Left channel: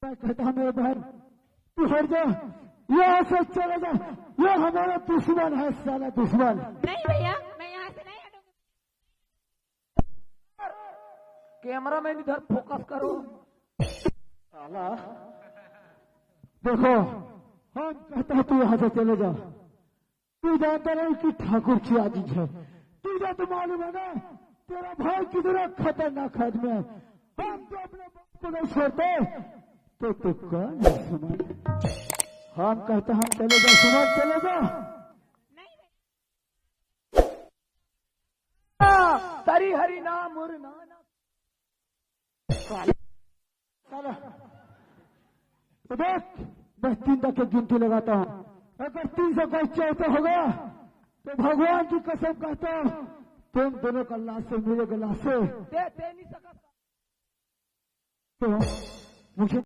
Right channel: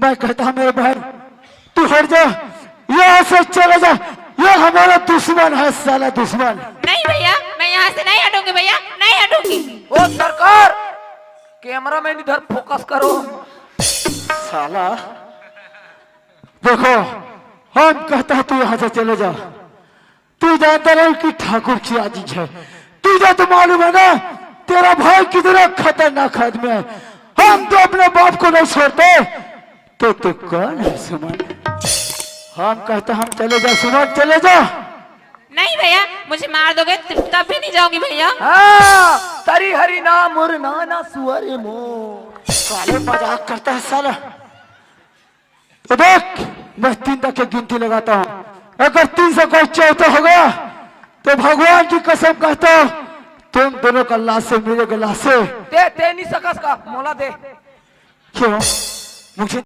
मैं कहता हूँ मेरे बहन तू हट जा, यहाँ से चला जा, ये हमारा दुश्मन है, साला दुश्मन। नहीं भैया, मैं यहाँ से नहीं हटूंगी भैया, नहीं हटूंगी। ओ सरकार, कैमरा मैन इधर फोकस करो। साला देखो, हम कहता है तू यहाँ से चले जा। तू जानता रहे कि ठाकुर की आजीज है, तुझे तो मालूम है ना तेरा भाई कितना खतरनाक आदमी है। हम तो अपने बाप को नहीं छोड़ते, तो तू कौन है सुमन? हम कहते हम चले जा सुमन, चले जा। नहीं भैया, मुझे मार दोगे तब भी नहीं जाऊंगी भैया। हाँ, तरी हरी ना मुर नाना सुअर मो। साले मजाक करता है साला। तो देख, मैं 3 तक की गिनती लगाता हूँ, अगर 3 से कोई चौथा हो गया तो भगवान की कसम कहता हूँ तुम दोनों का लाश से मेरे गला से दे नहीं सकस का मोला दे। क्यों मुझे